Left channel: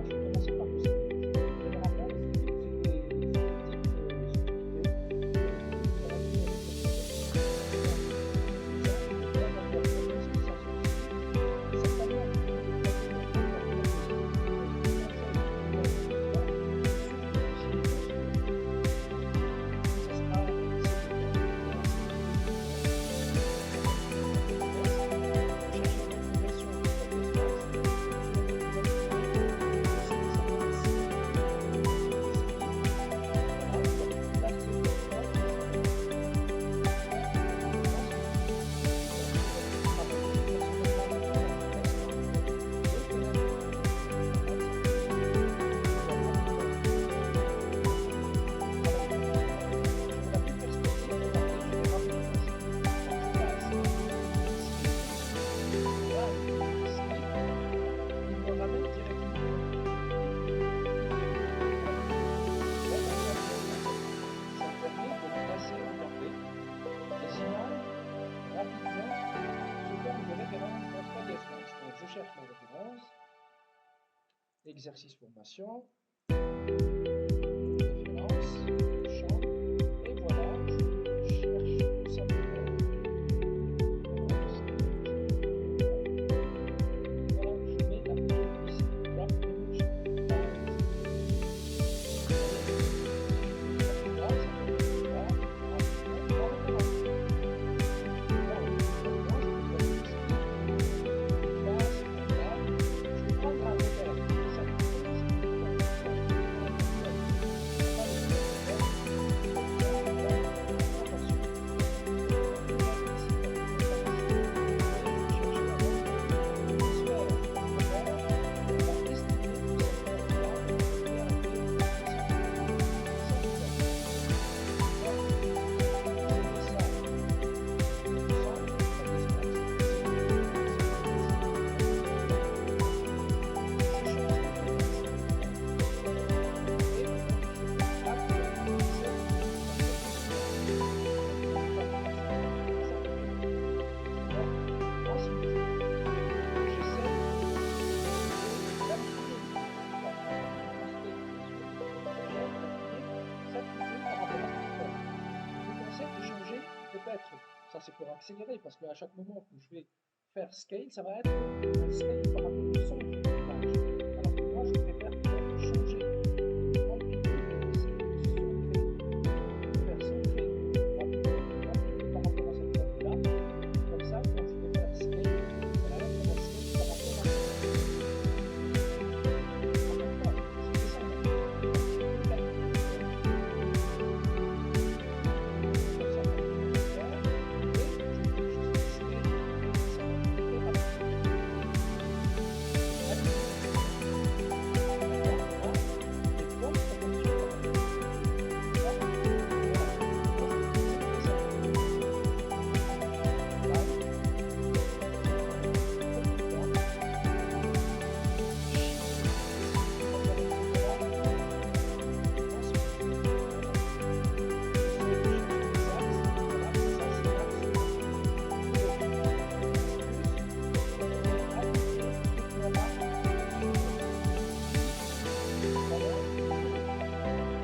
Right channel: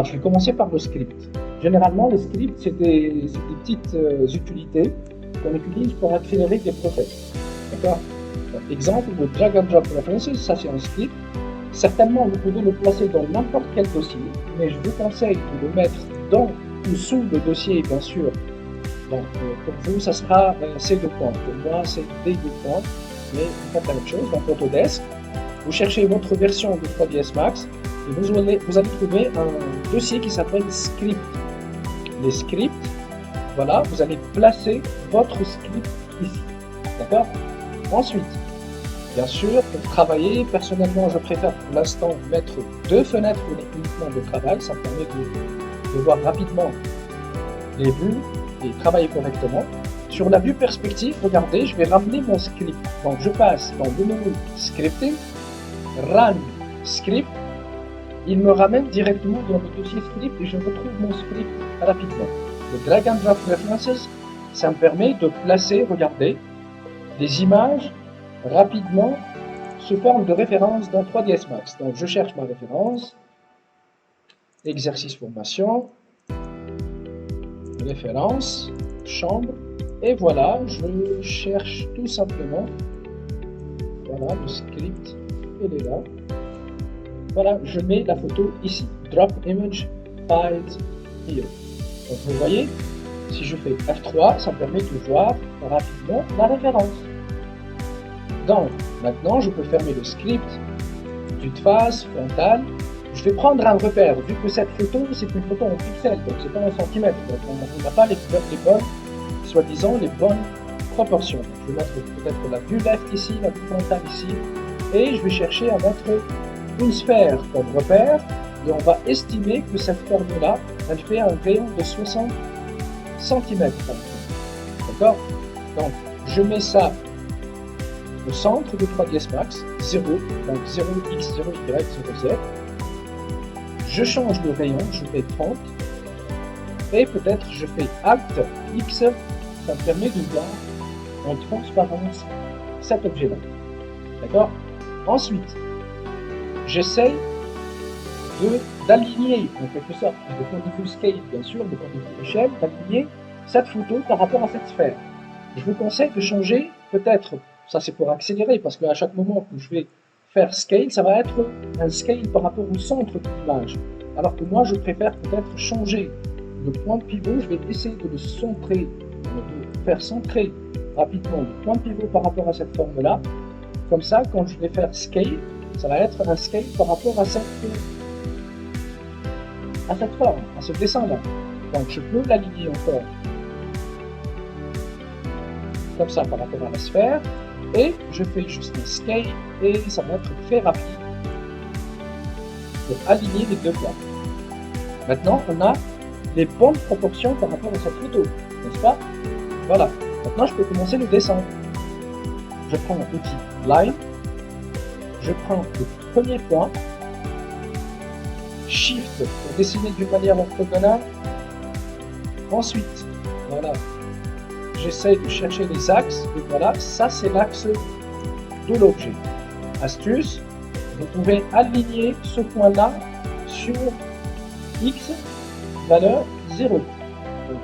Alors, je vais commencer par le script. Généralement, le script, c'est des petites utilités qu'on utilise pour accélérer des process. D'accord? Exemple, le drag and drop references, ça c'est un script. Certainement, vous pouvez le placer dans n'importe quel dossier, mais je vous conseille de le mettre dans ou sous le dossier, bien sûr. Donc, pour vous, ça sera C2 points. Pour moi, c'est D2 points, mais faites la même chose. Dans Autodesk, vous cherchez votre version de 3ds Max et vous allez trouver un dossier qui s'appelle script. Les scripts, voilà, vous allez placer votre script ici. D'accord? Ensuite, bien sûr, pour travailler, personnellement, je préfère pour l'instant mettre 2 fenêtres uniquement de travail. Ça permet de voir rapidement les vues et travailler correctement. Sur la vue perspective, regardez, je vais ramener mon script. Donc, je passe dans le menu Scripting, Run Script. Il me ramène directement dans le dossier script et je retrouve mon script rapidement. Le Drag and Drop References, ça me permet de placer, regardez, des images rapidement sous forme de référence dans 3ds Max. Donc, je cherche ma référence, exercice formation, référence, chambre, et voilà, je cherche tout simplement, voilà, le script, il est là. Voilà, je mets la photo ici, drop image, hide here. Donc, vous voyez, si je fais F3, ça me permet de voir rapidement la référence. Donc, maintenant, je peux fermer le script, vue de face, frontale. Je vais prendre un repère, vu que cette photo, c'est une photo en pixels, donc c'est pas en centimètres. Donc, on n'a pas les bonnes, soi-disant, les bonnes proportions. Je vais mettre peut-être la vue left ici, la vue frontale ici, et je vais chercher à mettre une sphère comme repère, et on va estimer que cette forme-là, elle fait un rayon de 60 cm. D'accord? Donc, je mets ça au centre de 3ds Max, 0, donc 0x, 0y, 0z. Je change de rayon, je fais 30, et peut-être je fais Alt X, ça me permet de voir en transparence cet objet-là. D'accord? Ensuite, j'essaye d'aligner, en quelque sorte, de point de vue scale, bien sûr, de point de vue échelle, d'aligner cette photo par rapport à cette sphère. Je vous conseille de changer, peut-être, ça c'est pour accélérer, parce qu'à chaque moment que je vais faire scale, ça va être un scale par rapport au centre de l'image. Alors que moi, je préfère peut-être changer le point de pivot, je vais essayer de le centrer, de faire centrer rapidement le point de pivot par rapport à cette forme-là. Comme ça, quand je vais faire scale, ça va être un scale par rapport à cette forme, à ce dessin-là. Donc je peux l'aligner encore comme ça par rapport à la sphère, et je fais juste un scale, et ça va être très rapide pour aligner les deux plans. Maintenant, on a les bonnes proportions par rapport à cette photo, n'est-ce pas? Voilà. Maintenant, je peux commencer le dessin. Je prends un petit line, je prends le premier point, Shift pour dessiner d'une manière orthogonale. Ensuite, voilà, j'essaie de chercher les axes, et voilà, ça c'est l'axe de l'objet. Astuce, vous pouvez aligner ce point-là sur X, valeur 0. Donc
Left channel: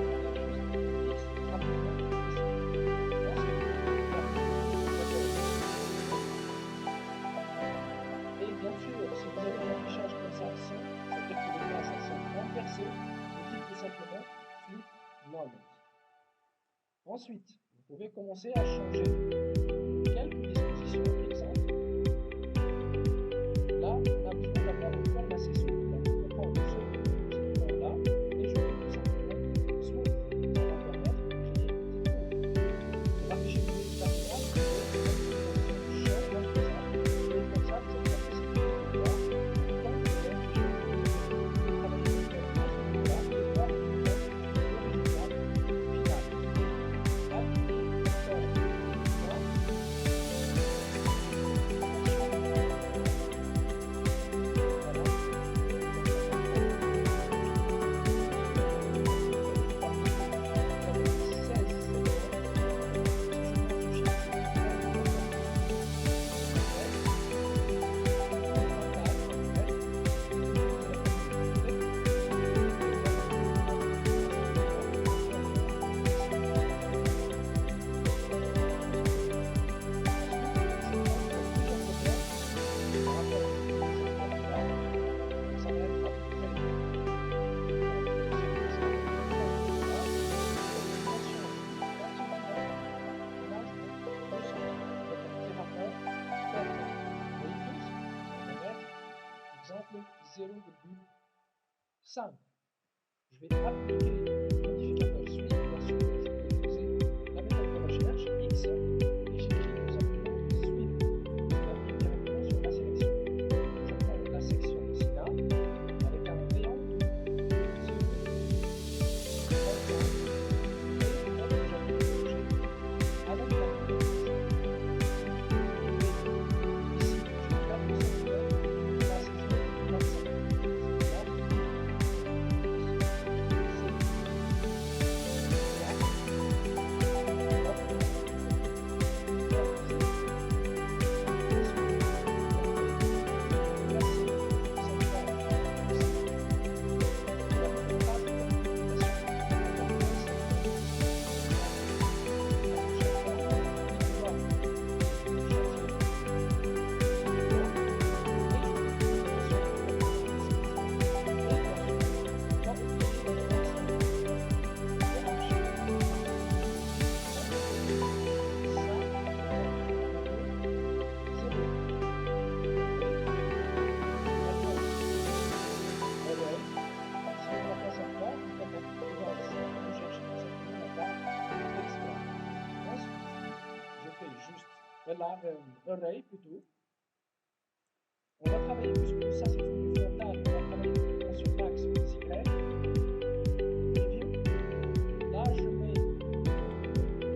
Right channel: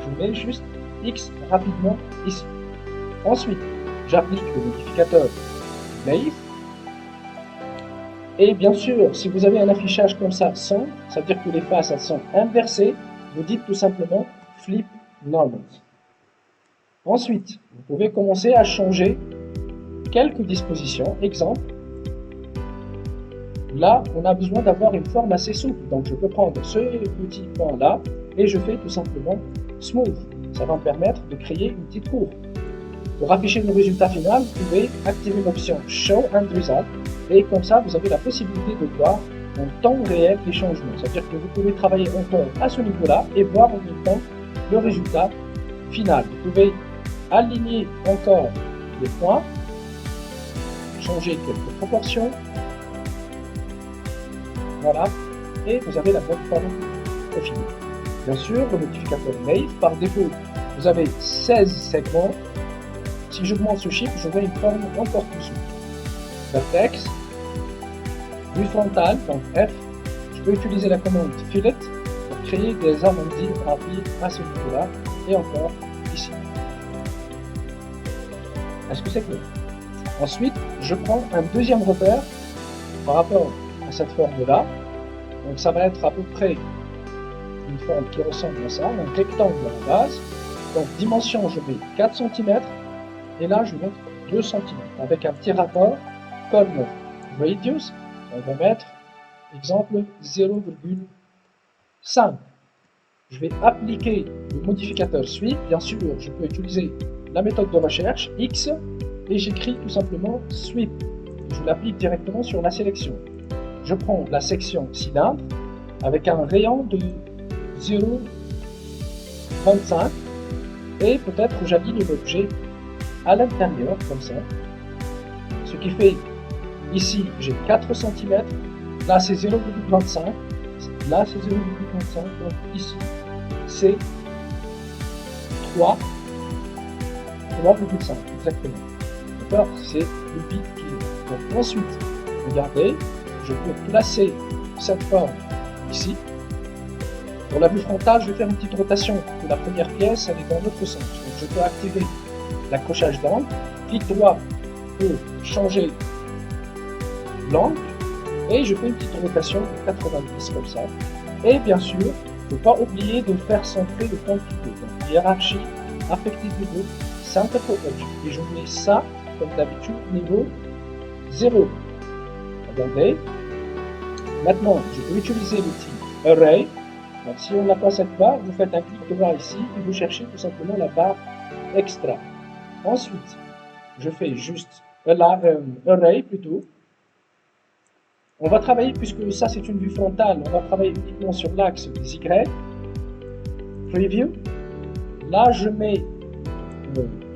je mets juste X rapidement ici. Ensuite, j'applique le modificateur Wave. Et bien sûr, si vous avez un affichage comme ça, 100, ça veut dire que les faces elles sont inversées, vous dites tout simplement Flip Normal. Ensuite, vous pouvez commencer à changer quelques dispositions. Exemple, là, on a besoin d'avoir une forme assez souple. Donc, je peux prendre ce petit point-là et je fais tout simplement Smooth. Ça va me permettre de créer une petite courbe. Pour afficher le résultat final, vous pouvez activer l'option Show and Result, et comme ça, vous avez la possibilité de voir en temps réel les changements. C'est-à-dire que vous pouvez travailler encore à ce niveau-là et voir en même temps le résultat final. Vous pouvez aligner encore les points, changer quelques proportions, voilà, et vous avez la bonne forme au final. Bien sûr, le modificateur Wave, par défaut, vous avez 16 segments. Si je monte ce chiffre, j'aurai une forme encore plus souple. Vertex, vue frontale, donc F, je peux utiliser la commande Fillet créer des arrondis rapides à ce niveau-là et encore ici. Est-ce que c'est clair? Ensuite, je prends un deuxième repère par rapport à cette forme-là. Donc ça va être à peu près une forme qui ressemble à ça, un rectangle à la base. Donc dimension, je mets 4 cm et là je mets 2 cm avec un petit rapport comme radius. On va mettre, exemple, 0,5. Je vais appliquer le modificateur sweep. Bien sûr, je peux utiliser la méthode de recherche X et j'écris tout simplement sweep. Je l'applique directement sur la sélection. Je prends la section cylindre avec un rayon de 0,25 et peut-être j'aligne l'objet à l'intérieur comme ça. Ce qui fait ici j'ai 4 cm, là c'est 0,25, là c'est 0,25, donc ici c'est 3,5 exactement. D'accord, c'est le pic. Donc ensuite, regardez, je peux placer cette forme ici. Pour la vue frontale, je vais faire une petite rotation. La première pièce, elle est dans l'autre sens. Donc je peux activer l'accrochage d'angle, clic droit pour changer l'angle, et je fais une petite rotation de 90 comme ça. Et bien sûr, il ne faut pas oublier de faire centrer le point de pivot. Donc hiérarchie affective du groupe, center for edge. Et je mets ça, comme d'habitude, niveau 0. Regardez. Maintenant, je peux utiliser l'outil Array. Donc, si on n'a pas cette barre, vous faites un clic droit ici et vous cherchez tout simplement la barre extra. Ensuite, je fais juste Array plutôt. On va travailler, puisque ça c'est une vue frontale, on va travailler uniquement sur l'axe des Y. Preview. Là, je mets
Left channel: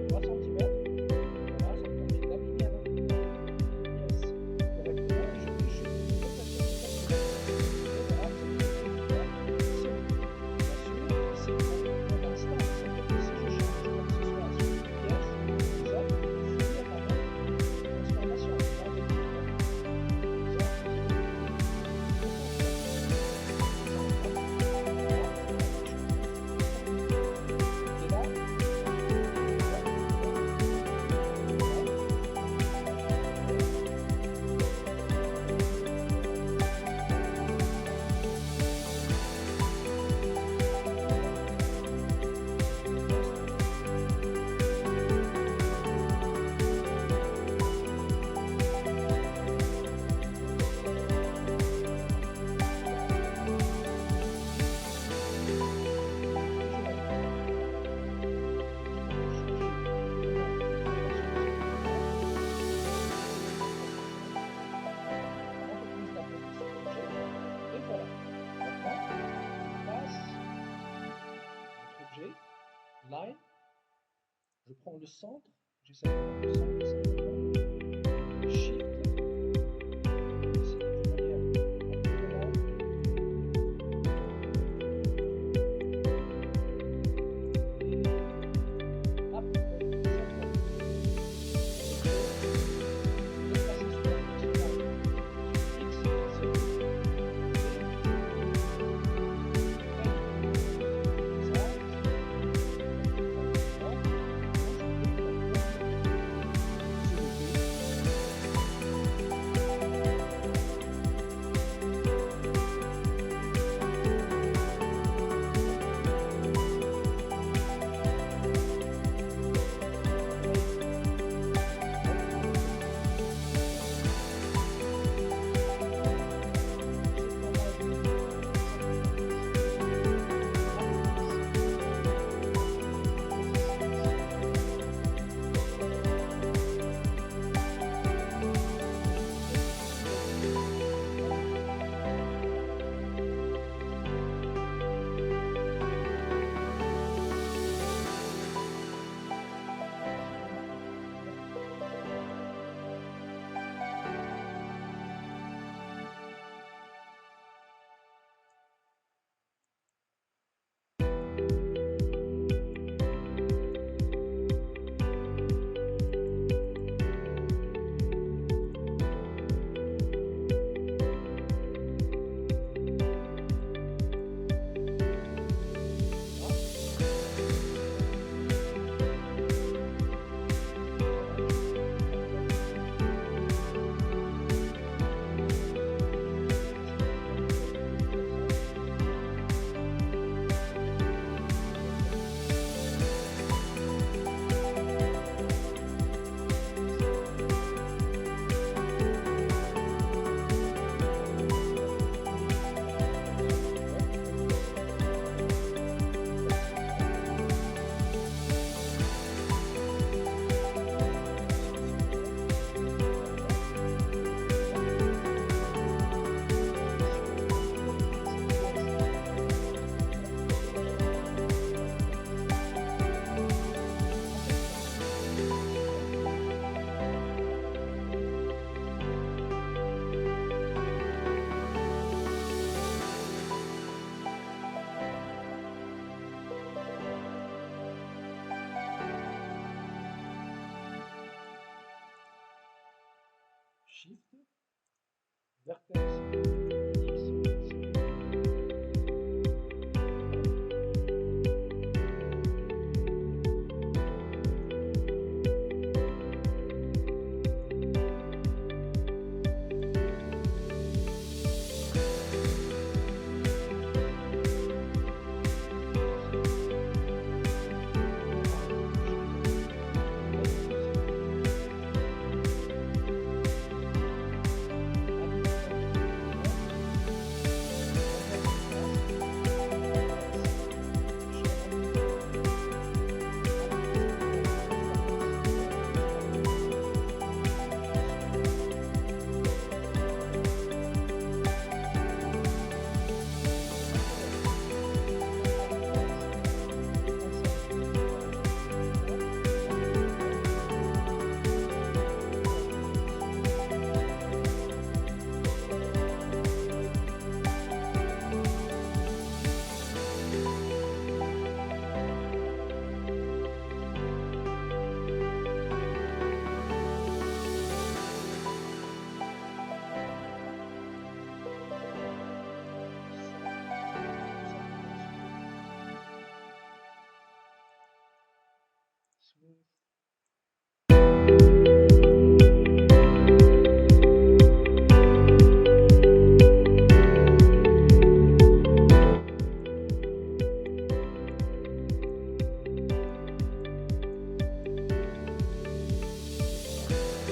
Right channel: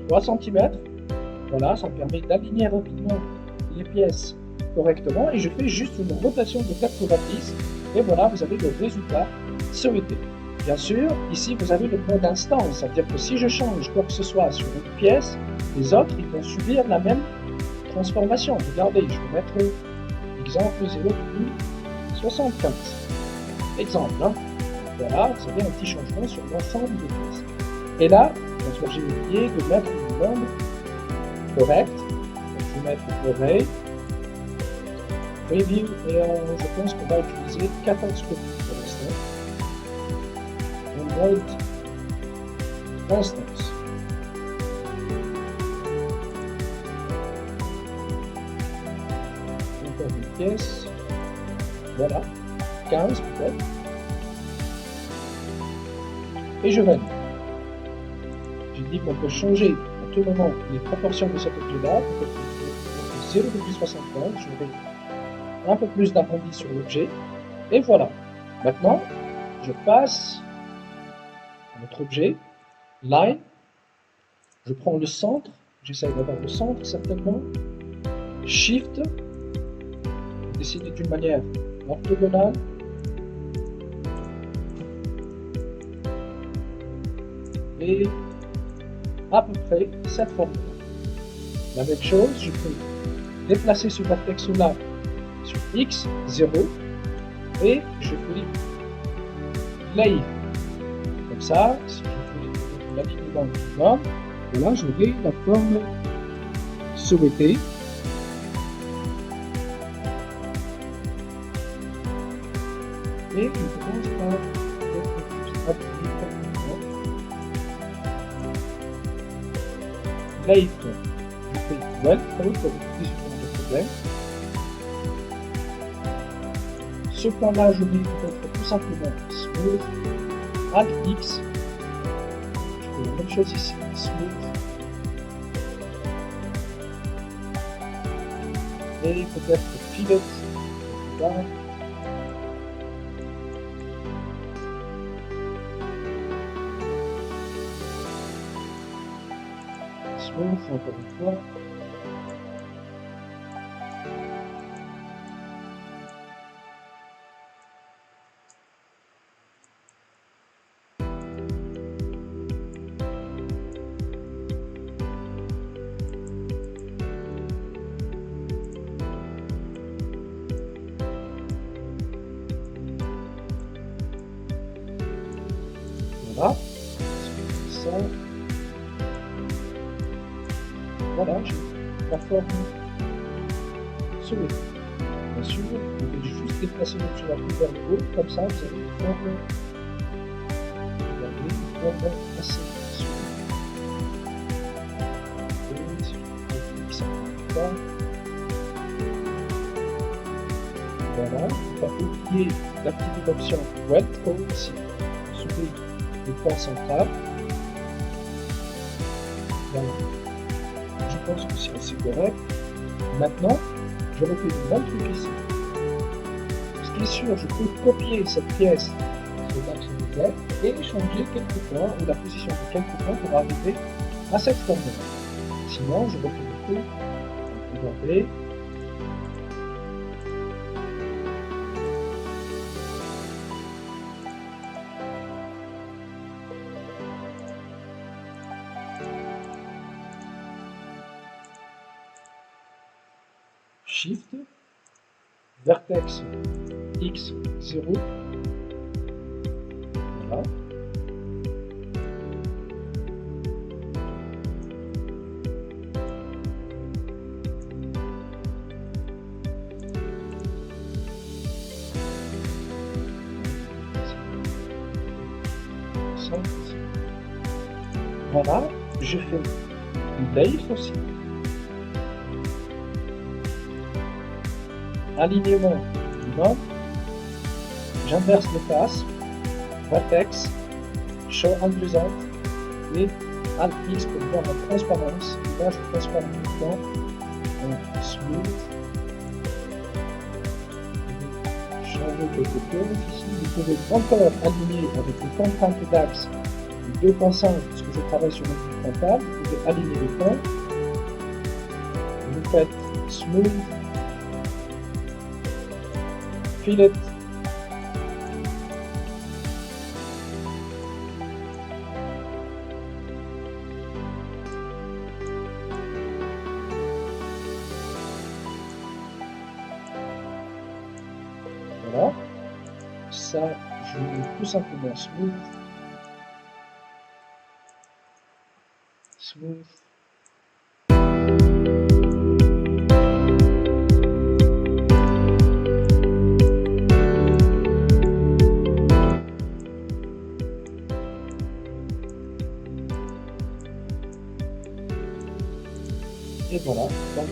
3 cm. Voilà, ça me permet d'aligner rapidement les pièces correctement. Et je fais juste une rotation de 90. Et voilà, vous avez le résultat souhaité. Bien sûr, ici, vous avez le point d'instance. C'est-à-dire que si je change quoi que ce soit sur une pièce, les autres, ils vont subir la même transformation. Regardez, je vais mettre exemple 0,75. Exemple, hein. Voilà, c'est bien un petit changement sur l'ensemble des pièces. Et là, j'ai oublié de mettre une bande correcte. Je vais mettre Array, Review, et je pense qu'on va utiliser 14 copies pour l'instant. Note Constance. Encore une pièce. Voilà, 15 peut-être. Et je valide. J'ai dit qu'on peut changer à tout moment les proportions de cet objet-là. 0,75, je vais un peu plus d'arrondi sur l'objet. Et voilà. Maintenant, je passe à notre objet, Line. Je prends le centre. J'essaie d'avoir le centre certainement. Shift. Décider d'une manière orthogonale. Et à peu près cette forme. La même chose, je peux déplacer ce vertex-là sur X, 0, et je clique Play. Comme ça, si je fais l'alignement du bas, voilà, j'aurai la forme souhaitée. Et je commence par Play. Ce point-là, je vais tout simplement Smooth, Alt X. Je fais la même chose ici, Smooth. Et peut-être Pivot. Voilà. Smooth, encore une fois. voilà, j'ai la forme souhaitée. Bien sûr, vous pouvez juste déplacer sur la coupe vers le haut, comme ça, vous avez une forme assez voilà, on va oublier d'activer l'option Wet Code ici, sous le point central. Je pense que c'est correct. Maintenant, je refais le même truc ici. Ce qui est sûr, je peux copier cette pièce et changer quelques points ou la position de quelques points pour arriver à cette forme. Sinon, je vais regarder. Shift, vertex X 0. Voilà. Voilà, je fais une layer aussi. Alignement, non. J'inverse le pass, vertex, show end result et alt X pour voir la transparence, là je transparent maintenant, donc smooth, changer de côté, ici vous pouvez encore aligner avec le contrainte d'axe 2.5 parce que je travaille sur le frontal, vous pouvez aligner les points, vous faites smooth, fillet, voilà, ça je mets tout simplement smooth, smooth. Et voilà, donc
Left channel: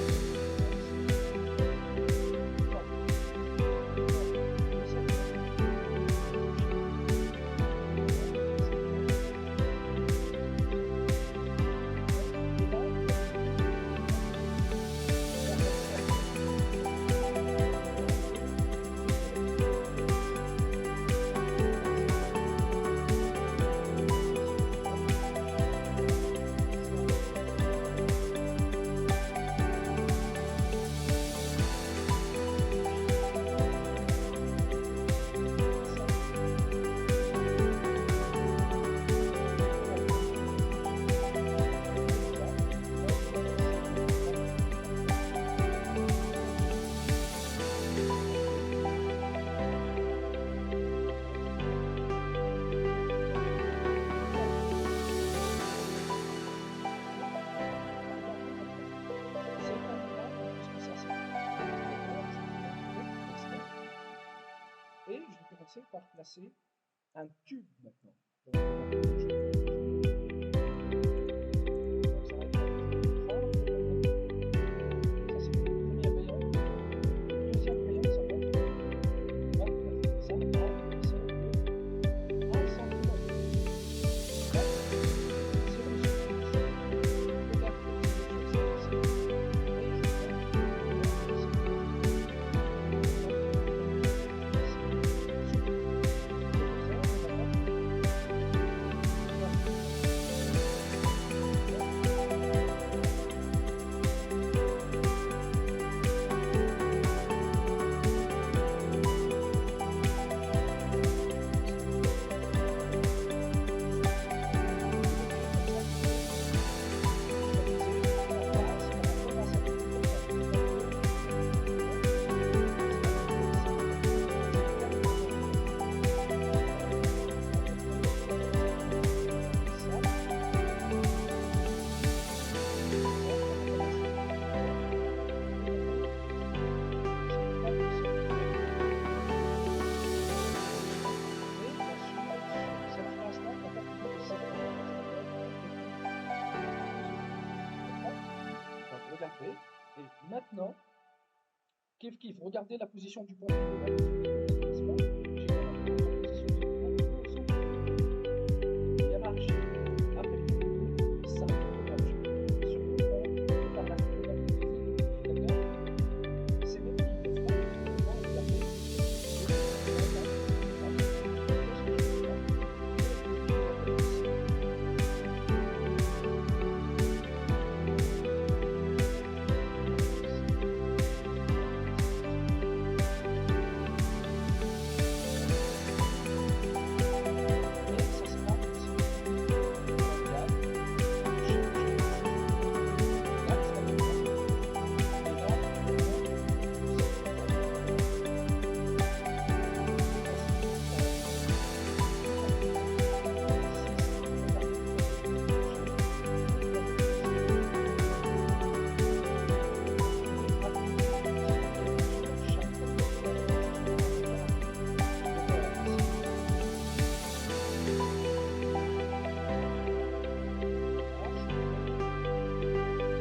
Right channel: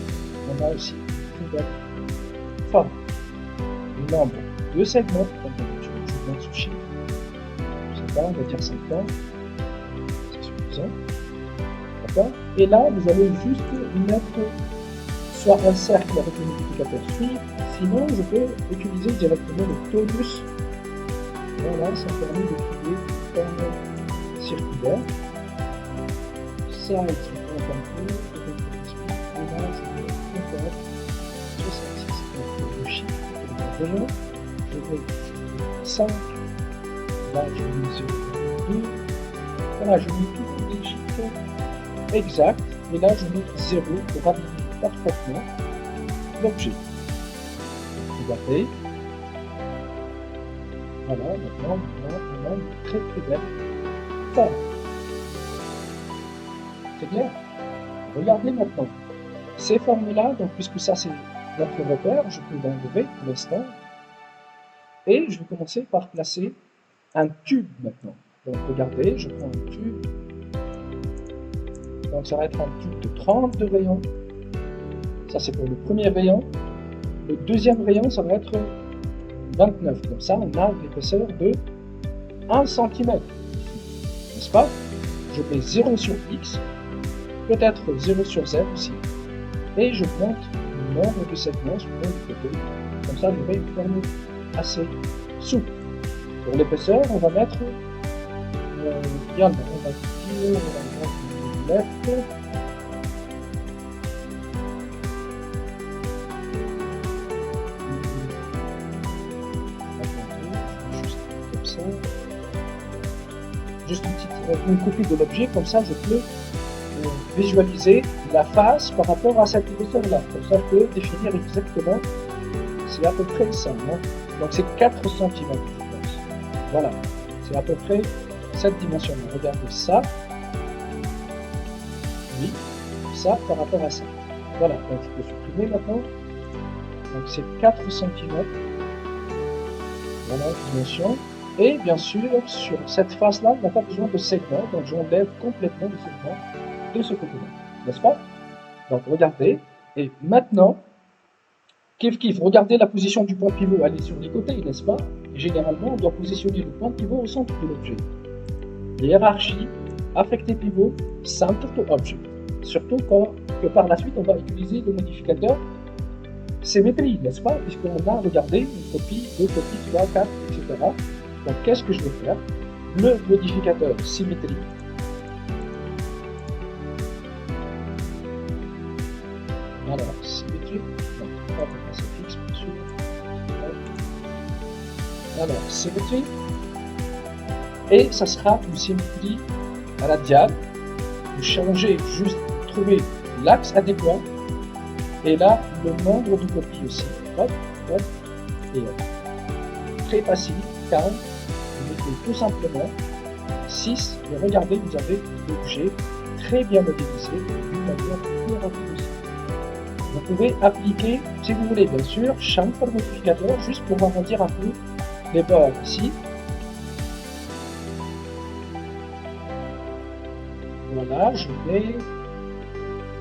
on a aussi une belle forme. Le nombre de segments, comme je vous montre sous chiffre. Je sais pas, on va dire 50, c'est suffisant. D'accord. Et là, vous allez juste mettre soit un cercle avec le multiplicateur suivre, sinon je peux utiliser directement le tonus. Voilà, ça permet de créer une forme circulaire. Ça, je vais 5, là je vais sur 2, voilà je mets tout le petit chiffre exact, et là je mets 0 pour appliquer parfaitement l'objet. Regardez, voilà, maintenant on a une très belle forme. C'est bien. Regardez maintenant, ces formes-là, donc puisque ça c'est notre repère, je peux l'enlever pour l'instant. Et je vais commencer par placer un tube maintenant. Donc regardez, je prends un tube. Donc ça va être un tube de 32 rayons. Ça c'est pour le premier rayon. Le deuxième rayon, ça va être 29. Comme ça, on a une épaisseur de 1 cm. N'est-ce pas? Je mets 0 sur X, peut-être 0 sur Z aussi. Et je compte le nombre de segments sur le côté. Comme ça, j'aurai une forme assez souple. Pour l'épaisseur, on va mettre on va mettre juste une copie de l'objet, comme ça je peux visualiser la face par rapport à cette épaisseur-là. Comme ça, je peux définir exactement, c'est à peu près ça. Donc c'est 4 cm. Voilà, c'est à peu près cette dimension. Regardez ça. Oui, ça par rapport à ça. Voilà, donc je peux supprimer maintenant. Donc c'est 4 cm. Voilà, dimension. Et bien sûr, sur cette face-là, on n'a pas besoin de segment, donc j'enlève complètement le segment de ce côté-là, n'est-ce pas? Donc regardez, et maintenant, kiff, regardez la position du point pivot, elle est sur les côtés, n'est-ce pas? Généralement, on doit positionner le point pivot au centre de l'objet. Hiérarchie, affecté pivot, center to object. Surtout quand que par la suite, on va utiliser le modificateur symétrie, n'est-ce pas? Puisqu'on a regardé une copie, 2 copies, 3, 4, etc. Donc qu'est-ce que je vais faire? Le modificateur symétrie. Alors, symétrie. Alors, symétrie. Et ça sera une symétrie à la diable. Vous changez, juste trouver l'axe adéquat. Et là, le nombre de copies aussi. Hop, hop, et hop. Très facile, calme. Vous faites tout simplement 6. Et regardez, vous avez l'objet très bien modélisé d'une manière plus rapide aussi. Vous pouvez appliquer, si vous voulez, bien sûr, chamfer modificateur juste pour arrondir un peu les bords ici. Voilà, je vais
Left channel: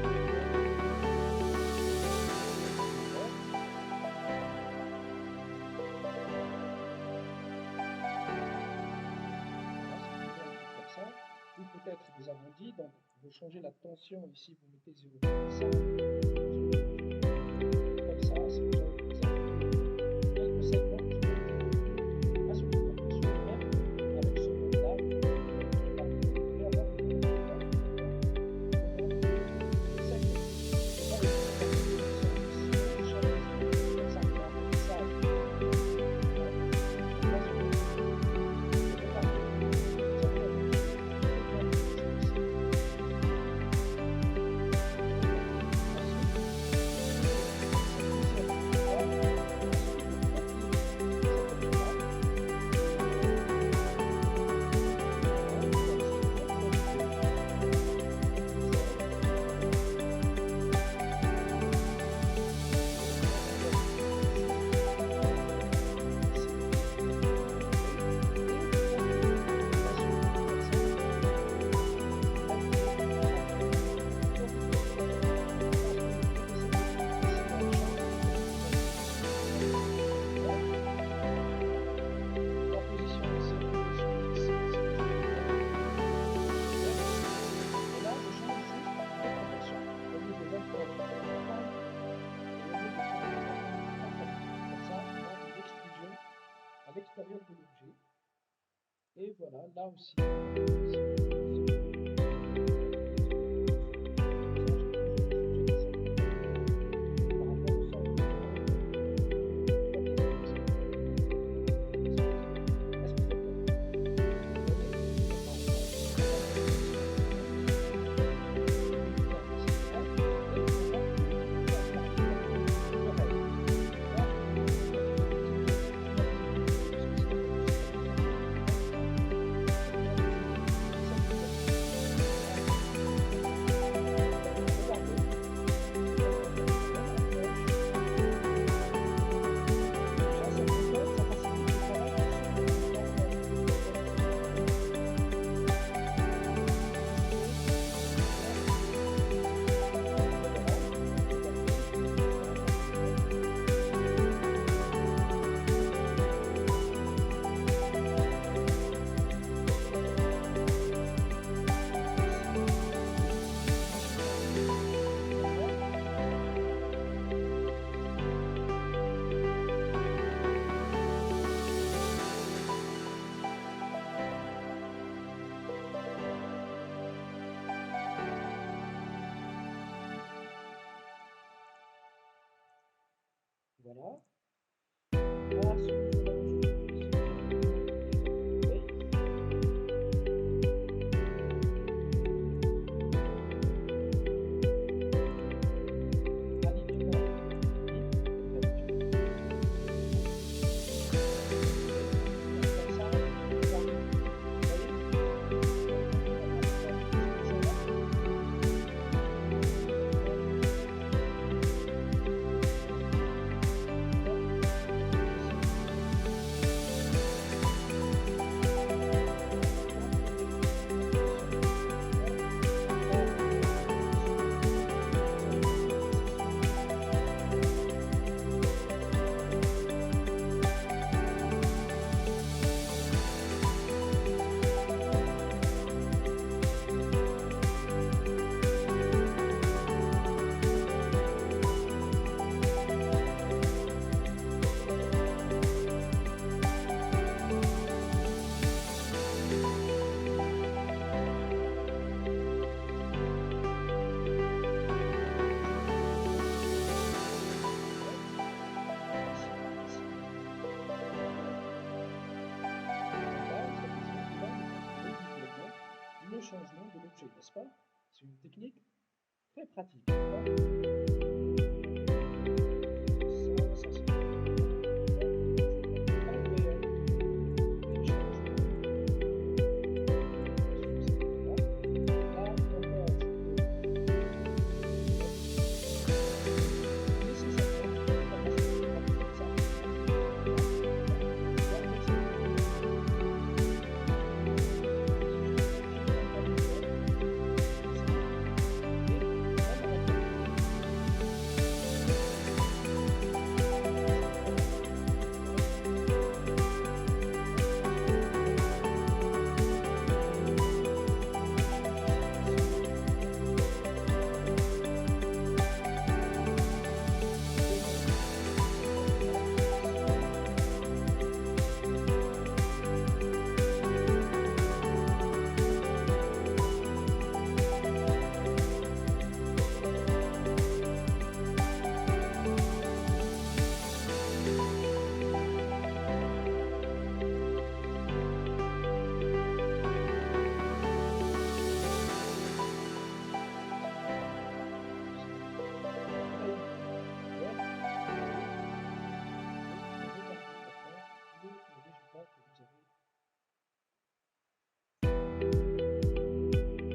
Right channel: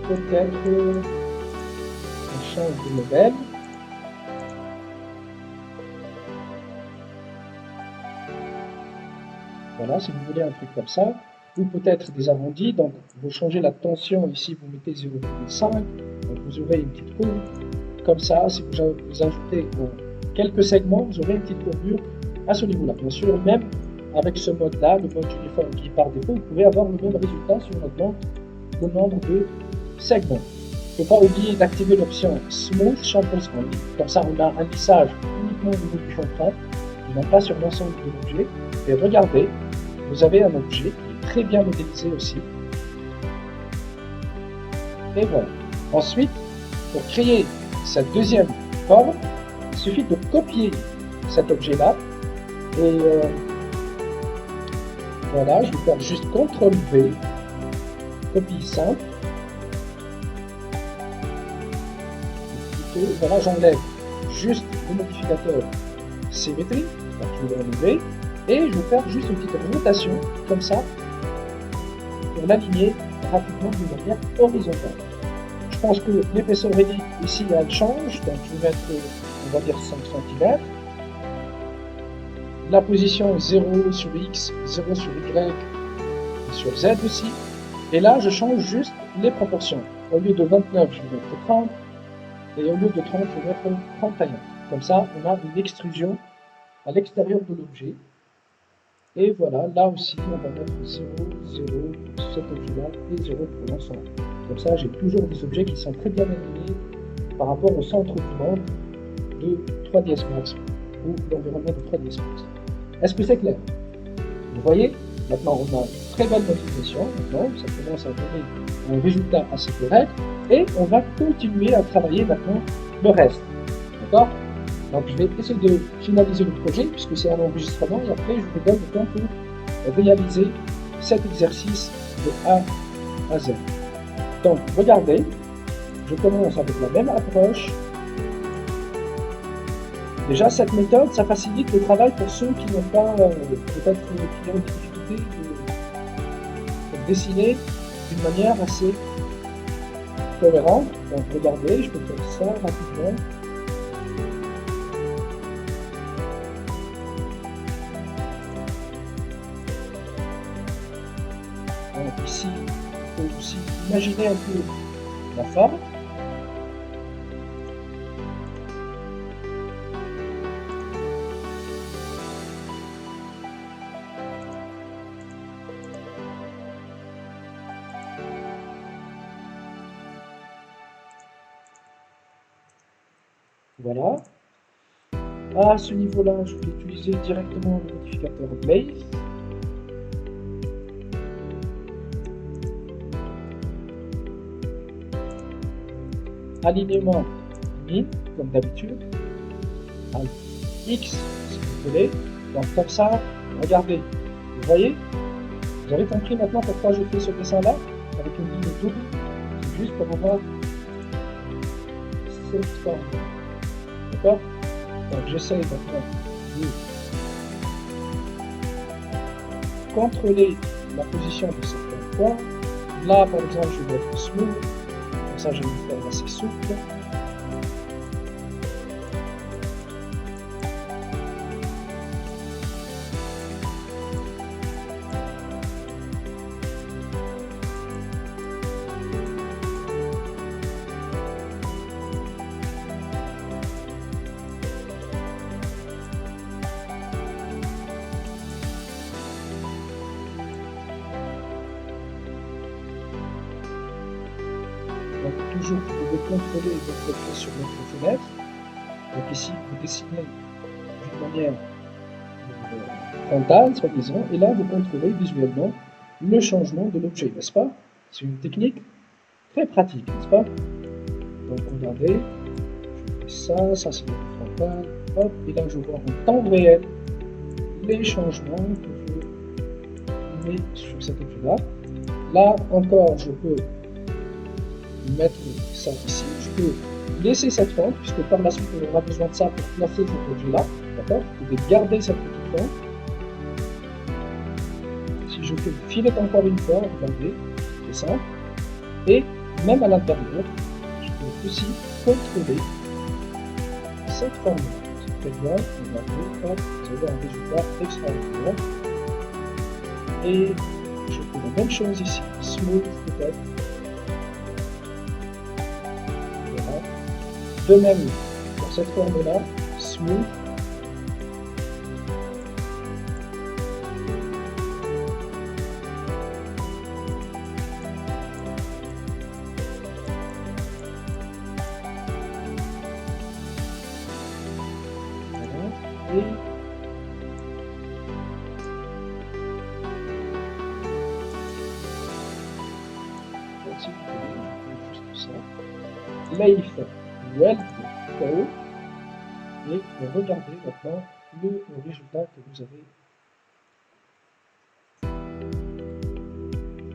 peut-être change de modèle. Voilà, si vous voulez un truc comme ça, ou peut-être des arrondis, donc vous changez la tension ici, vous mettez 0,5, vous aurez une petite courbe, comme ça, si vous ajoutez quelques segments, vous aurez une petite courbure à ce niveau-là. Bien sûr, même avec ce mode-là, le mode uniforme qui par défaut, vous pouvez avoir le même résultat si on augmente le nombre de segments. Il ne faut pas oublier d'activer l'option Smooth Chamfer Smooth. Comme ça, on a un lissage uniquement au niveau du chamfer, non pas sur l'ensemble de l'objet. Et regardez, vous avez un objet très bien modélisé aussi. Et voilà. Ensuite, pour créer cette deuxième forme, il suffit de copier cet objet-là. Et voilà, je vais faire juste CTRL-V, copie simple. Et voilà, j'enlève juste le modificateur symétrie, donc je vais enlever, et je vais faire juste une petite rotation, comme ça, pour l'aligner rapidement d'une manière horizontale. Je pense que l'épaisseur réduite ici, elle change, donc je vais mettre, on va dire 5 cm. La position 0 sur X, 0 sur Y, et sur Z aussi. Et là, je change juste les proportions. Au lieu de 29, je vais mettre 30. Et au lieu de 30, je vais mettre 31. Comme ça, on a une extrusion à l'extérieur de l'objet. Et voilà, là aussi, on va mettre 0, 0, cet objet-là, et 0 pour l'ensemble. Comme ça, j'ai toujours des objets qui sont très bien alignés par rapport au centre du monde de 3ds Max, ou l'environnement de 3ds Max. Est-ce que c'est clair? Vous voyez, maintenant on a une très belle modélisation, ça commence à donner un résultat assez correct, et on va continuer à travailler maintenant le reste. D'accord? Donc je vais essayer de finaliser le projet, puisque c'est un enregistrement, et après je vous donne le temps pour réaliser cet exercice de A à Z. Donc regardez, je commence avec la même approche. Déjà, cette méthode, ça facilite le travail pour ceux qui n'ont pas, peut-être qui ont une difficulté de dessiner d'une manière assez cohérente. Donc, regardez, je vais faire ça rapidement. Donc, ici, il faut aussi imaginer un peu la forme. Voilà. À ce niveau-là, je vais utiliser directement le modificateur Base. Alignement min, comme d'habitude. X, si vous voulez. Donc comme ça, regardez. Vous voyez? Vous avez compris maintenant pourquoi je fais ce dessin-là avec une ligne double. Juste pour avoir cette forme. D'accord? Donc j'essaie maintenant de contrôler la position de cette forme. Là, par exemple, je vais être smooth, comme ça je vais le faire assez souple. Toujours, vous devez contrôler votre pied sur votre fenêtre. Donc ici, vous dessinez d'une manière frontale, soi-disant, et là, vous contrôlez visuellement le changement de l'objet, n'est-ce pas? C'est une technique très pratique, n'est-ce pas? Donc regardez, je fais ça, ça c'est le frontal, hop, et là je vois en temps réel les changements que je mets sur cet objet-là. Là encore, je peux mettre ça ici, je peux laisser cette forme, puisque par la suite on aura besoin de ça pour placer cet objet-là, d'accord? Je vais garder cette petite forme. Si je fais le filet encore une fois, regardez, c'est ça. Et même à l'intérieur, je peux aussi contrôler cette forme. C'est très bien, vous avez un résultat extraordinaire. Et je fais la même chose ici, smooth peut-être. Voilà. De même, dans cette forme-là, smooth. Leif Weld Pro et regardez maintenant le résultat que vous avez.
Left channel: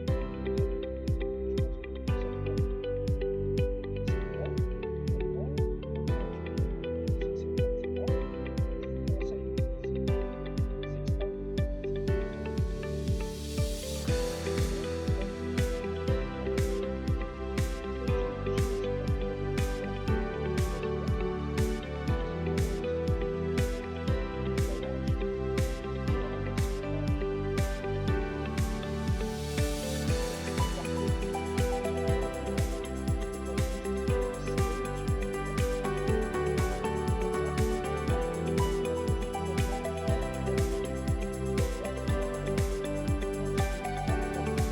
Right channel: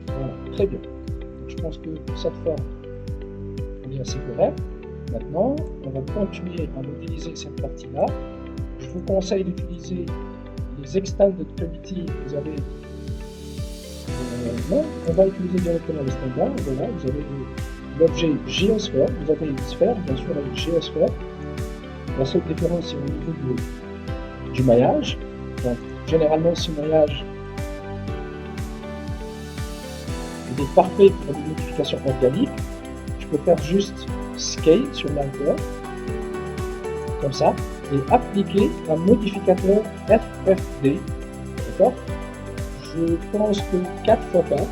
Voilà, très bien. Je pense que cette forme est assez correcte. Maintenant, on va continuer à utiliser cette partie-là. Je vous conseille d'utiliser les Extended Gravity que vous avez. Non, on va utiliser directement les standards. Voilà, vous avez l'objet géosphère, vous avez une sphère, bien sûr, avec géosphère. La seule différence, c'est au niveau du maillage. Donc, généralement, ce maillage est parfait pour une modification organique. Je peux faire juste Scale sur l'arrière, comme ça, et appliquer un modificateur FFD. D'accord? Je pense que 4 fois 4,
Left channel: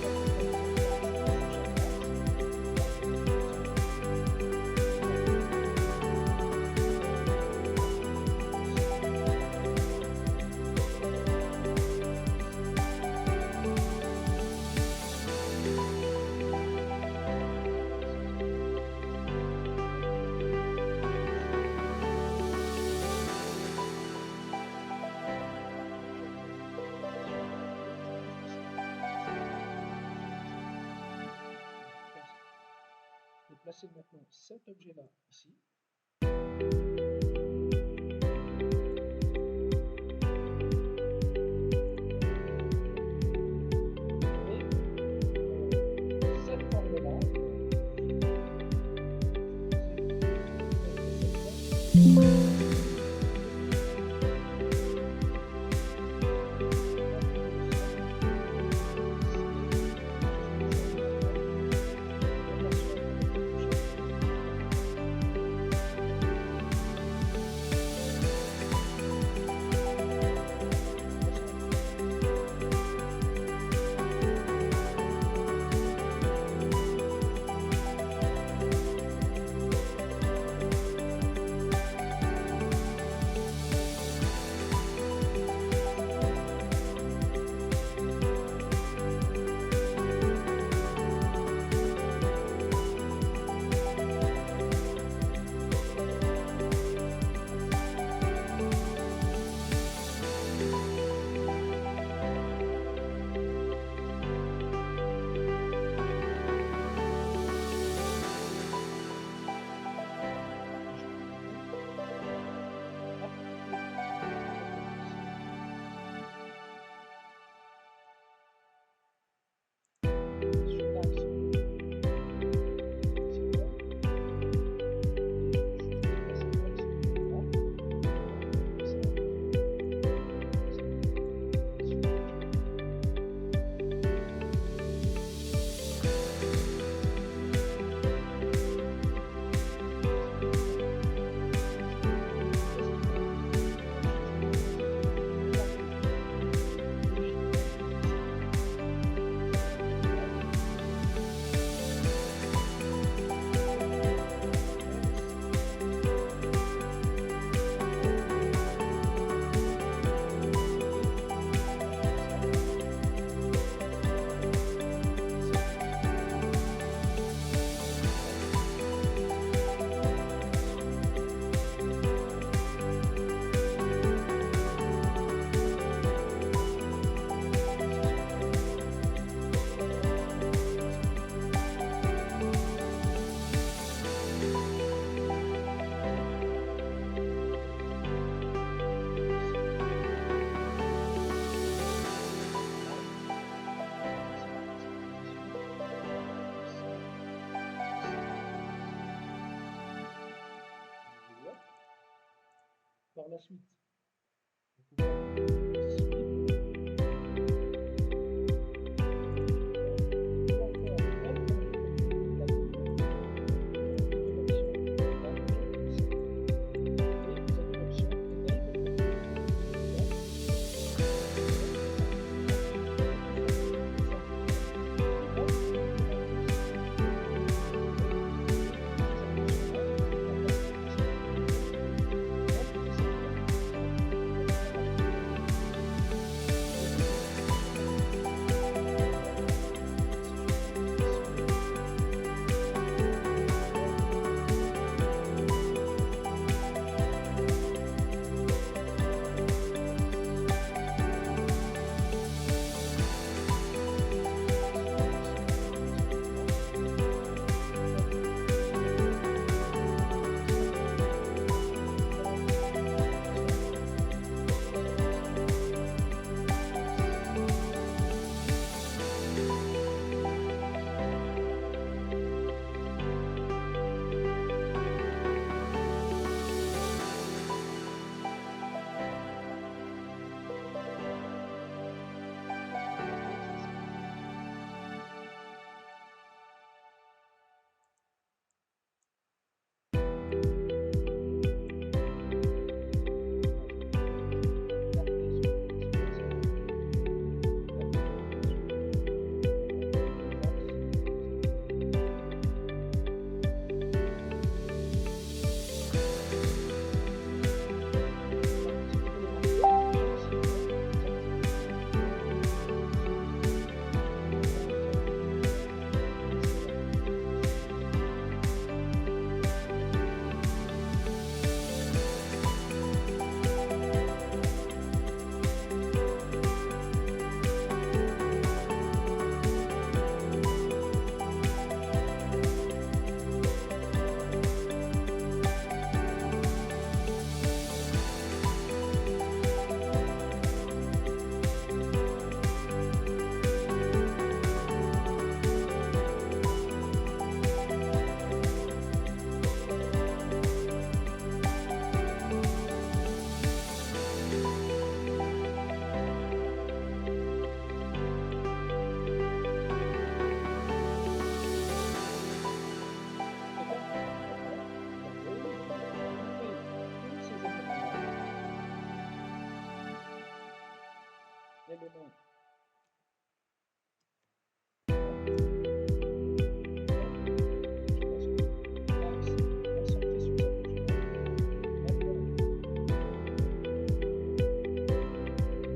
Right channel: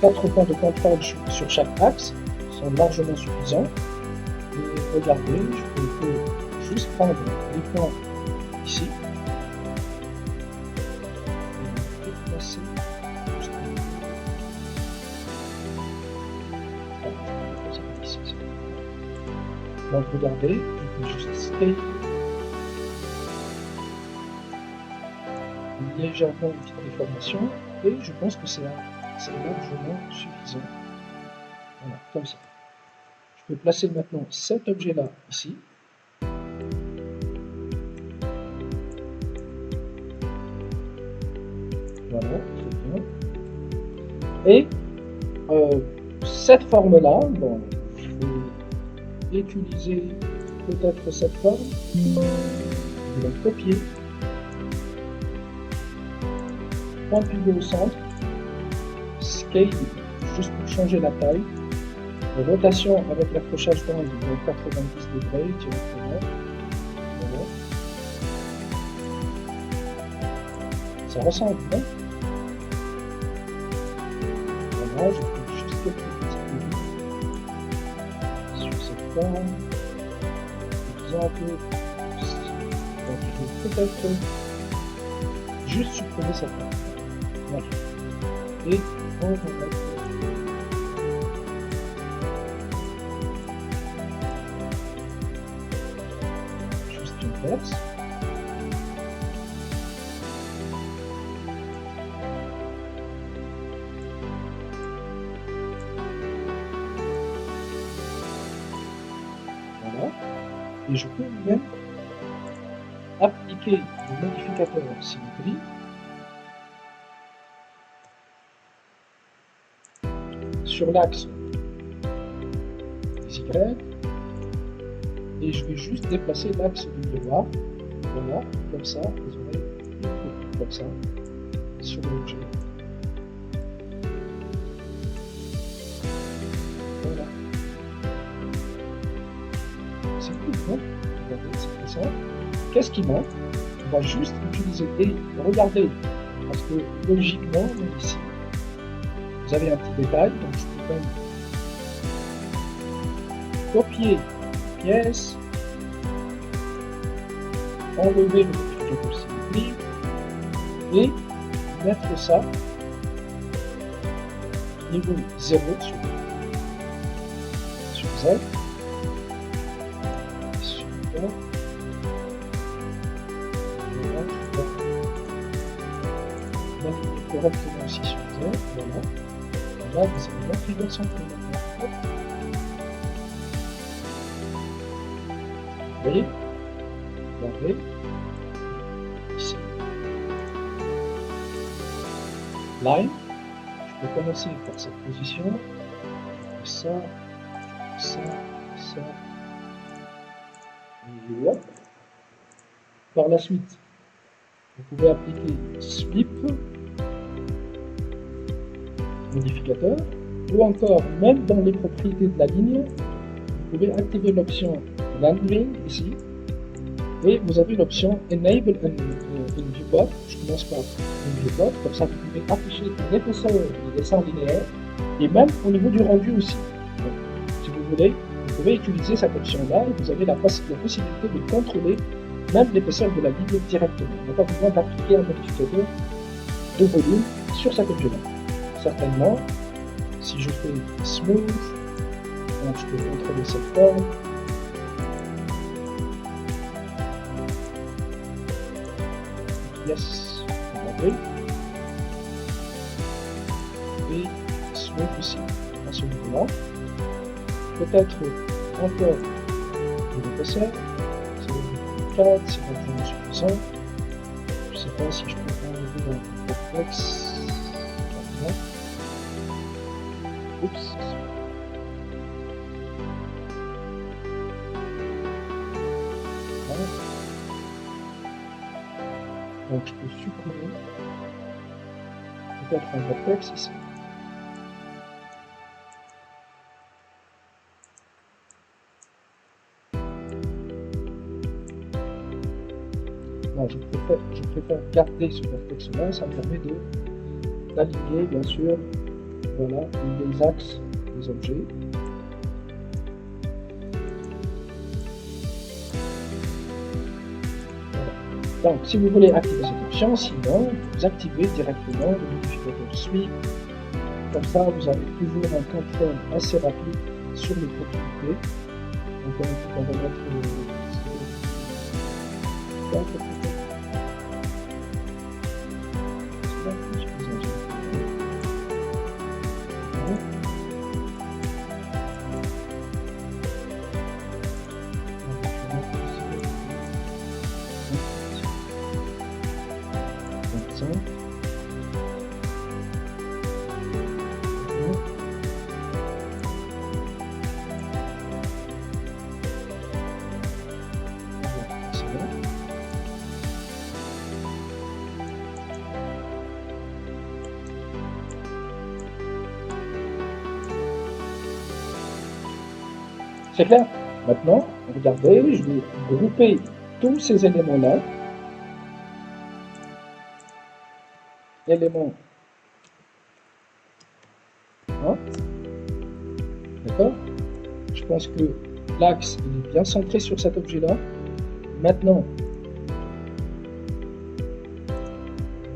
4 points de contrôle sur chaque axe sont largement suffisants. Et regardez, je peux juste prendre les points ici. Donc regardez, je peux juste scale légèrement une petite déformation et je pense que c'est largement suffisant. Voilà, comme ça. Je peux placer maintenant cet objet-là ici. Voilà, et cette forme-là, bon, je vais utiliser peut-être cette forme, je vais la copier, point pivot au centre, scale, juste pour changer la taille, rotation avec l'accrochage bande de 90 degrés, voilà. Ça ressemble, hein? Voilà, je peux juste sur cette forme, exemple, peut-être juste supprimer cette forme. Voilà. Et on va juste une verse. et je peux même appliquer le modificateur symétrie sur l'axe des Y, et je vais juste déplacer l'axe du droit, voilà, comme ça, comme ça, sur l'objet. Voilà. C'est tout, non? C'est ça. Qu'est-ce qui manque? On va juste utiliser et regardez, parce que logiquement, ici, vous avez un petit détail, donc je peux copier pièce, enlever le modificateur symétrie et mettre ça niveau 0 sur Z. Super. Correctement aussi sur Z. Voilà. Là, c'est une configuration. Vous voyez? Regardez. Ici. Line. Je vais commencer par cette position. Ça, ça, ça. Et hop. Par la suite, vous pouvez appliquer sweep, modificateur, ou encore, même dans les propriétés de la ligne, vous pouvez activer l'option Landing ici, et vous avez l'option Enable and Viewport. Je commence par Viewport, comme ça vous pouvez afficher l'épaisseur du dessin linéaire, et même au niveau du rendu aussi. Donc, si vous voulez, vous pouvez utiliser cette option-là, et vous avez la possibilité de contrôler même l'épaisseur de la ligne directement. On n'a pas besoin d'appliquer un modificateur de volume sur cet objet-là. Certainement, si je fais smooth, donc je peux contrôler cette forme. Yes, regardez. Et smooth aussi, à ce niveau-là. Peut-être encore une épaisseur. 4, c'est pas vraiment suffisant. Je ne sais pas si je peux enlever un complexe. Oups. Donc je peux supprimer peut-être un vertex ici. Non, je préfère garder ce vertex là, ça me permet d'aligner bien sûr, voilà, les axes des objets. Donc, si vous voulez activer cette option, sinon, vous activez directement le modificateur sweep. Comme ça, vous avez toujours un contrôle assez rapide sur les propriétés. Donc, on va mettre c'est clair. Maintenant, regardez, je vais grouper tous ces éléments-là. Éléments 1. D'accord? Je pense que l'axe est bien centré sur cet objet-là. Maintenant,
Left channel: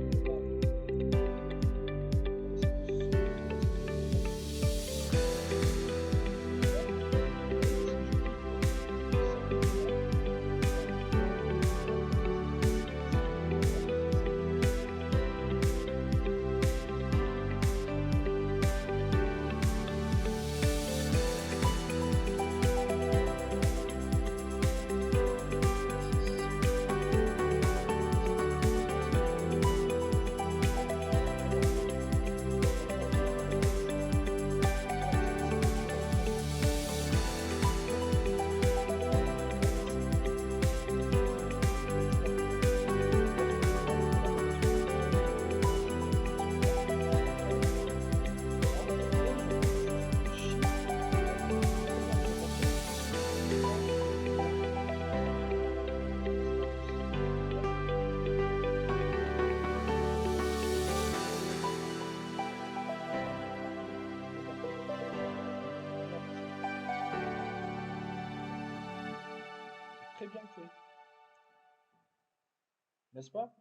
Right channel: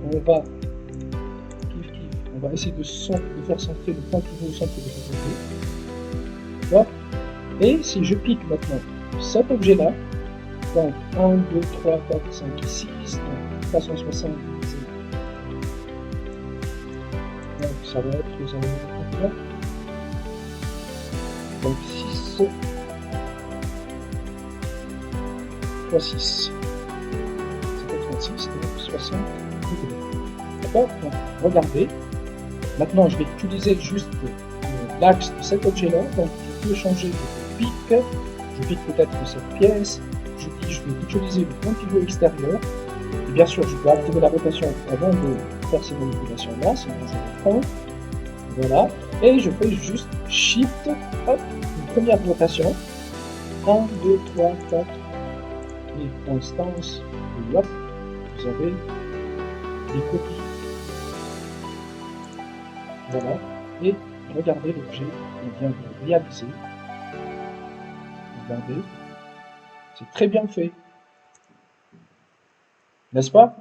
on va essayer de faire centrer le point pivot au centre de cet objet. D'accord? Et si je clique maintenant sur cet objet-là, donc 1, 2, 3, 4, 5, 6, 360, donc ça va être les enlever. Donc 6, fois 6. Ça fait 36, 60 degrés. D'accord? Donc, regardez. Maintenant, je vais utiliser juste l'axe de cet objet-là. Donc, je peux changer de pic. Je pique peut-être de cette pièce. Je vais utiliser le point de vue extérieur. Et bien sûr, je vais activer la rotation avant de faire ces manipulations-là. C'est toujours 1. Voilà. Et je fais juste Shift. Hop, une première rotation. 1, 2, 3, 4. Et constance. Et hop, vous avez des copies. Voilà. Et regardez l'objet qu'on vient de réaliser. Regardez. C'est très bien fait. N'est-ce pas?